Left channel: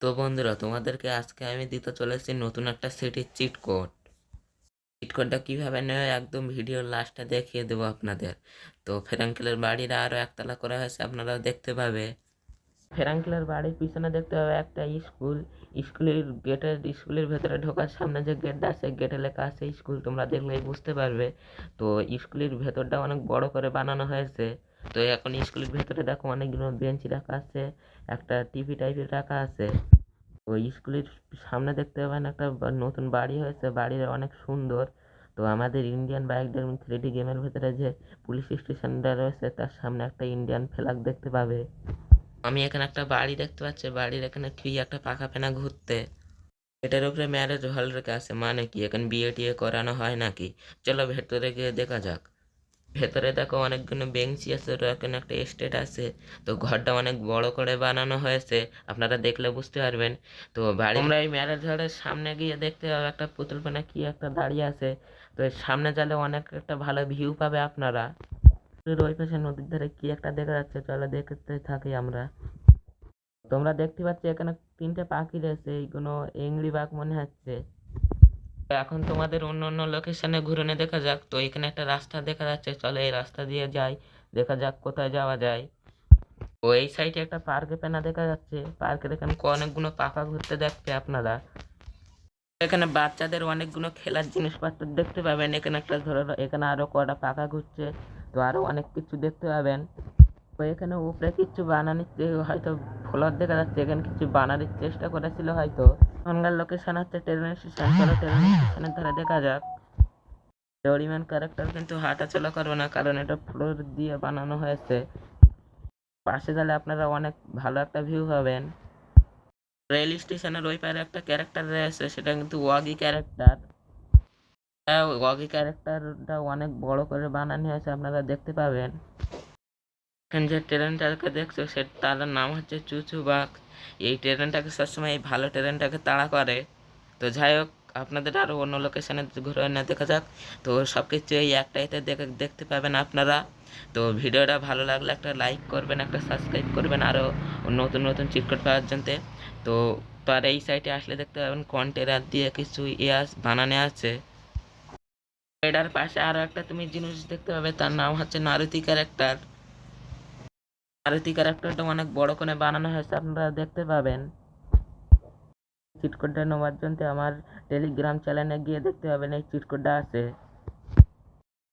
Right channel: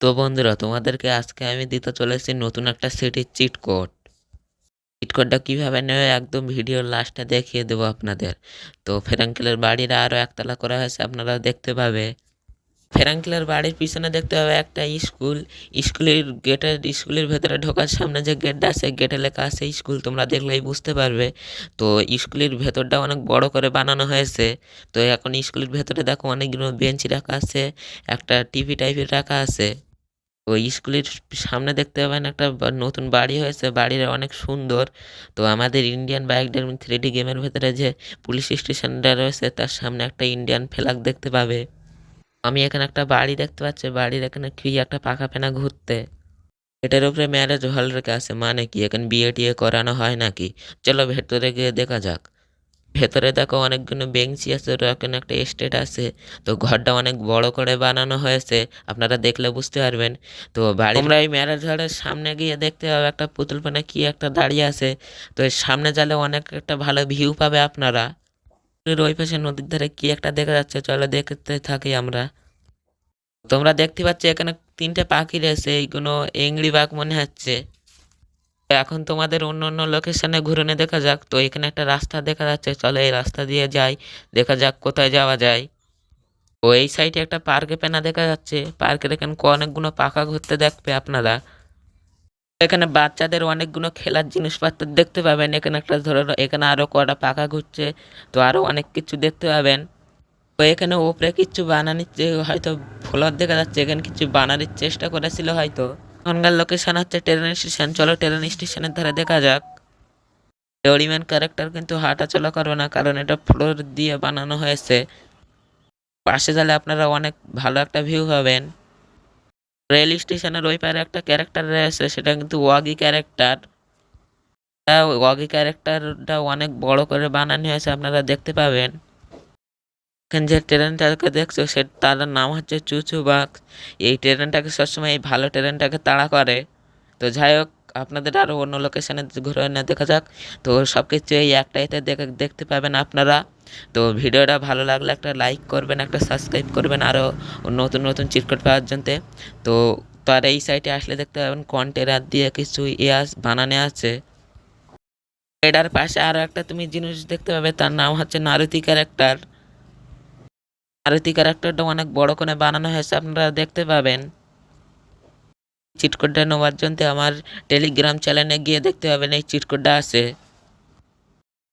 তো বন্ধুরা তোমাদেরকে আজকে আমি দিতে চলেছি নতুন একটা সিটির চিট কোড। চিট কোডটা কীভাবে নেবে একদম ভিডিওর লাস্টে দেখিয়ে দেবো আপনাদের। তো ফেরাঙ্কেলের বাড়ির আরও একতলা করা হয়েছে, আপনারা দেখতে পাবে। ফেরাঙ্কেলের বাড়ির পিছনে দেখতে পাবে একটা স্কুল। স্কুলের ভেতরে ঢোকার সামনে যে গেটটা আছে, গেটে লেখা আছে স্কুল, তোমরা দেখলেই বুঝতে পারবে। তো স্কুলের ভেতরটা অনেক বড় করে বানানো হয়েছে। তো এখন স্কুলের ভেতরে দেখো অনেকগুলো বেঞ্চ রাখা আছে, একটা টিভি টাইপের রাখা আছে। ওই স্কুলের সামনে দেখতে পাবেন একটা নতুন বাড়ি হয়েছে, বাড়িটা অনেক সুন্দর। তো আমাদের ইন্ডিয়ান বাইক ড্রাইভিং 3D গেমের ভেতরে যে পুলিশ স্টেশনটা রয়েছে তার সামনে একটা ইন্ডিয়ান ফ্ল্যাগ দেখতে পাবে। আমি এখানে একটা বাড়ি দেখতে পাচ্ছি, বাড়ির এখানে কি একটা পাখা ফেনা ঘুরতে। এটার উপরে ম্যারেজ হল রেখে আছে, মানে কি এখানে বিয়ে টিয়ে করানো হয় নাকি। চলো ভেতরে গিয়ে দেখা যাক। ভেতরে দেখো অনেকগুলো বেঞ্চি আছে, ওর এখানে একটা স্টেট আছে। তো ঘরটা অনেক বড় করে বানানো হয়েছে, আপনারা দেখলে বুঝতে পারবেন। তো তোমরা এই ম্যারেজ হলের সামনে গিয়ে দেখতে পাবে একটা পুতুল পানে কি একটা দাঁড়িয়ে আছে। তো এর সামনে গেলে অনেক একটা ভালো ভিউ পাবে আপনারা। ওই পাশে নদীর ধারে কি একটা দেখা যাচ্ছে, চলো দেখতে থাকি আমরা। তোমরা দেখতে পাচ্ছ এখানে তিনটে পাখি রয়েছে, এইগুলো এংরি বাঘ মনে হচ্ছে। এখন তোমাদের অন্য অন্য লোকেশনে ঘুরে দেখা যাক। তো এখানে একটা রাস্তা দেখা যাচ্ছে, চলো এই রাস্তা দিয়ে যাই, দেখা যাক কোথায় যাওয়া যায়। ও এই সাইডে একটা পার্কে পেনা দেখা যাচ্ছে, পার্কের এখানে অনেকগুলো পাখা ঘুরতে দেখবে আপনারা। এখানে বাচ্চাদের অনেকগুলো খেলার জিনিসপত্র দেখতে পাবেন। এখানে একটা ধরো এখানে আরো কটা পাখা ঘুরছে, তো আরো অনেক কিছু দেখতে পাবেন। তো এখানে ওপরে কিছু বানানোর হয়তো ফ্লোর দেখা যাচ্ছে, এখানে কিছু বানানোর চেষ্টা করেছিল হয়তো। এখনকার লোকেশন হচ্ছে ট্রেন স্টেশন, চলো ট্রেন স্টেশনের ধারে দেখা যাক। ডোরিম্যান ক্যারেক্টার কিন্তু হাঁটা চলা করবে না, কারণ এটা ফ্লোর দিয়ে বানানো হয়েছে। পাশে গেলে আপনারা অনেক ভালো একটা ভিউ পাবেন। রেল স্টেশনের ওই পারে একটা ক্যারেক্টার রয়েছে, সেটা কিন্তু ওয়াগি ক্যারেক্টার। ওয়াগি ক্যারেক্টারটা অনেক বড় করে বানানো হয়েছে, আপনারা দেখতে পাবেন। এখানে যে ট্রেনটাকে দেখছো সে তার নাম হচ্ছে চুচু বাঘ। এই ট্রেনটাকে সবসময় এই ভালো ট্রেনটাকে তাড়া করে। তো যাই হোক, আপনাদের আরও অন্য লোকেশনে ঘুরে না দেখা যাক। তো সব কিছু এই একটাইতে দেখতে পাবেন আপনারা। তো ভিডিওটা ভালো লাগলে একটা লাইক করবেন, একটা সাবস্ক্রাইব করবেন আরও নতুন নতুন চিটকট পাওয়ার জন্যে। তো তার এই সাইটে আসলে দেখতে পাবেন কন্টেনার দিয়ে কিছু বানানো আছে। এটার পাশে আরও একটা তুমি জিনিস দেখতে পাবে, তার নাম হচ্ছে নারুতি ক্যারেক্টার। নারুতি ক্যারেক্টারটা অনেক বড় করে বানানো হয়েছে, আপনারা দেখতে পাবেন। চিট কোডটা নেওয়ার জন্য আমার টেলিগ্রাম চ্যানেলে গিয়ে দেখতে পাবেন এই চিট কোডটা আছে।